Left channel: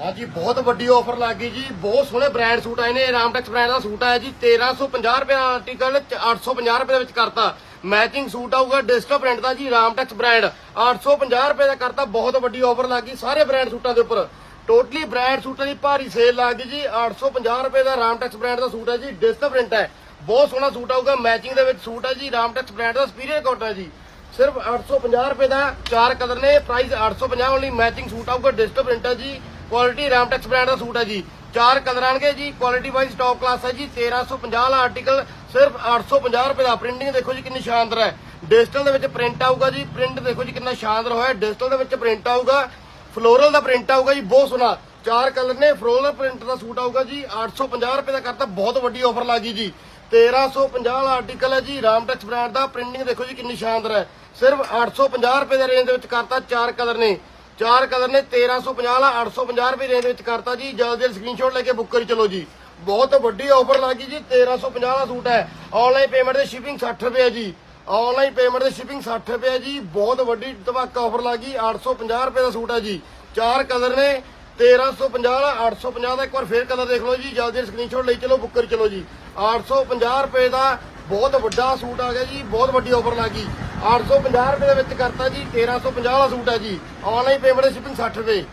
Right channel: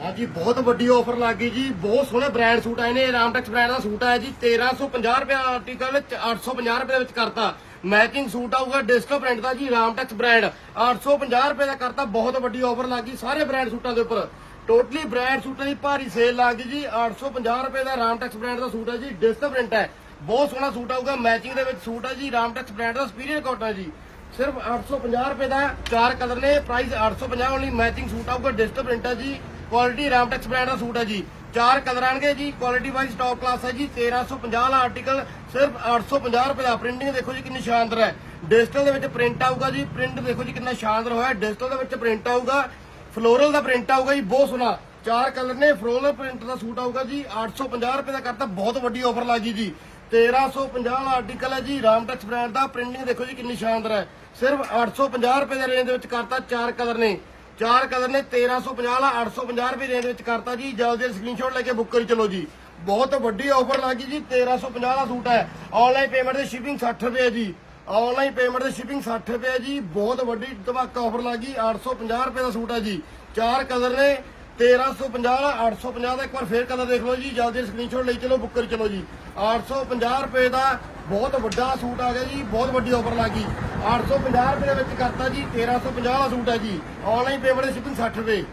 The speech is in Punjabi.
ਹਾਂਜੀ, ਬਹੁਤ ਵੱਡੀ ਆਫਰ ਲੱਗ ਗਈ ਜੀ। ਬਹੁਤ ਸੋਹਣੇ ਬ੍ਰਾਂਡ ਸੂਟ ਆਏ ਨੇ। ਰਾਮਟੈਕਸ ਬ੍ਰਾਂਡ ਦਾ ਸੂਟ ਆਇਆ ਜੀ। 1350 ਰੁਪਏ ਆਰਟੀਕਲ 850 ਰੁਪਏ ਦੇ ਵਿੱਚ ਕਰਤਾ। ਮੈਚਿੰਗ ਸੂਟ ਆਊਗਾ ਡਿਸਕੋ ਪ੍ਰਿੰਟ ਦਾ ਜੀ ਰਾਮਟੈਕਸ ਬ੍ਰਾਂਡ 850 ਰੁਪਏ ਦਾ ਕਰਤਾ। ਬਹੁਤ ਵੱਡੀ ਆਫਰ ਲੱਗ ਗਈ ਸਾਰੇ ਬ੍ਰਾਂਡ ਸੂਟਾਂ ਦੇ ਉੱਪਰ। ਟੋਟਲੀ ਬ੍ਰਾਂਡ ਸੂਟਾਂ ਦੀ ਭਾਰੀ ਸੇਲ ਲੱਗ ਗਈ ਜੀ। 850 ਰੁਪਏ ਦਾ ਰਾਮਟੈਕਸ ਬ੍ਰਾਂਡ ਦਾ ਸੂਟ ਹੈ ਜੀ ਡਿਸਕੋ ਪ੍ਰਿੰਟ ਹੈ। ਬਹੁਤ ਸੋਹਣਾ ਸੂਟ ਆਊਗਾ। ਮੈਚਿੰਗ ਦੇ ਵਿੱਚ ਸੂਟ ਹੈ ਜੀ। ਰਾਮਟੈਕਸ ਬ੍ਰਾਂਡ ਦਾ ਸਪੀਰੀਅਰ ਕੋਟ ਹੈ ਜੀ। ਸਿਰਫ 850 ਰੁਪਏ ਦਾ ਚਾਰ ਕਲਰ ਨੇ। ਪ੍ਰਾਈਸ 850 ਓਨਲੀ ਮੈਚਿੰਗ ਸੂਟ ਆਊਗਾ ਡਿਸਕੋ ਪ੍ਰਿੰਟ ਹੈ ਜੀ। ਕੁਆਲਿਟੀ ਰਾਮਟੈਕਸ ਬ੍ਰਾਂਡ ਦਾ ਸੂਟ ਹੈ ਜੀ। ਚਾਰ ਕਲਰ ਆਣਗੇ ਜੀ। ਕੁਆਲਿਟੀ ਵਾਈਜ਼ ਟੌਪ ਕਲਾਸ ਹੈ ਜੀ। 1350 ਵਾਲਾ ਆਰਟੀਕਲ ਸਿਰਫ 850 ਰੁਪਏ ਦਾ। ਪ੍ਰਿੰਟਿੰਗ ਦੇਖੋ ਜੀ ਕਿੰਨੀ ਸ਼ਾਨਦਾਰ ਹੈ। ਡਿਜੀਟਲ ਦੇ ਵਿੱਚ ਪ੍ਰਿੰਟ ਆਊਗਾ ਜੀ। ਪ੍ਰਿੰਟ ਦੇਖੋ ਜੀ ਕਿੰਨਾ ਸ਼ਾਨਦਾਰ ਹੋਇਆ। ਡਿਜੀਟਲ ਦੇ ਵਿੱਚ ਪ੍ਰਿੰਟ ਆਊਗਾ। ਫਲੋਰਲ ਦਾ ਪ੍ਰਿੰਟ ਆਊਗਾ ਜੀ। ਬਹੁਤ ਸੋਹਣਾ। ਚਾਰ ਕਲਰ ਨੇ। ਫਲੋਰਲ ਪ੍ਰਿੰਟ ਦਾ ਸੂਟ ਆਊਗਾ ਜੀ। 850 ਰੁਪਏ ਦਾ ਕਰਤਾ। ਬਹੁਤ ਵੱਡੀ ਆਫਰ ਲੱਗੀ ਜੀ। 1350 ਵਾਲਾ ਆਰਟੀਕਲ ਹੈ ਜੀ। ਰਾਮਟੈਕਸ ਬ੍ਰਾਂਡ ਦਾ। ਪ੍ਰਿੰਟਿੰਗ ਦੇਖੋ ਜੀ ਕਿੰਨੀ ਸ਼ਾਨਦਾਰ ਹੈ। ਸਿਰਫ 850 ਰੁਪਏ ਦਾ ਰੇਂਜ ਦੇ ਵਿੱਚ ਕਰਤਾ। ਚਾਰ ਕਲਰ ਨੇ। ਚਾਰ ਕਲਰ ਨੇ 1350 ਵਾਲਾ 850 ਰੁਪਏ ਰੇਂਜ ਵਿੱਚ ਕਰਤਾ ਜੀ। ਜਲਦੀ ਜਲਦੀ ਸਕਰੀਨਸ਼ਾਟ ਲੈ ਕੇ ਬੁੱਕ ਕਰੀ ਚਲੋ ਜੀ। ਬਹੁਤ ਵੱਡੀ ਆਫਰ ਲੱਗੀ ਜੀ 1350 ਦਾ ਸੂਟ ਹੈ। ਆਨਲਾਈਨ ਪੇਮੈਂਟ ਦੀ ਸ਼ਿਪਿੰਗ 60 ਰੁਪਏ ਹੈ ਜੀ। ਆਨਲਾਈਨ ਪੇਮੈਂਟ ਦੇ ਸ਼ਿਪਿੰਗ 60 ਰੁਪਏ ਹੈ ਜੀ। ਬਹੁਤ ਵੱਡੀ ਧਮਾਕਾ ਆਫਰ ਲੱਗੀ 850 ਰੁਪਏ ਦਾ ਸੂਟ ਹੈ ਜੀ। ਚਾਰ ਕਲਰ ਨੇ 1350 ਦਾ 850 ਦਾ ਇੱਕ ਵਾਰ ਫੇਰ ਕਲਰ ਦੇਖ ਲਓ ਜੀ। ਜਲਦੀ ਸਕਰੀਨਸ਼ਾਟ ਲਈ ਚਲੋ ਬੁੱਕ ਕਰੀ ਚਲੋ ਜੀ। 850 ਰੁਪਏ ਦਾ ਬਹੁਤ ਵੱਡਾ ਸੂਟ ਆ ਗਿਆ ਜੀ, ਬਹੁਤ ਵੱਡੀ ਆਫਰ ਲੱਗੀ 850 ਰੁਪਏ ਦੇ ਵਿੱਚ ਕਰਤਾ ਜੀ 1350 ਵਾਲਾ ਸੂਟ ਹੈ ਜੀ। ਆਨਲਾਈਨ ਪੇਮੈਂਟ ਦੀ ਸ਼ਿਪਿੰਗ 60 ਰੁਪਏ।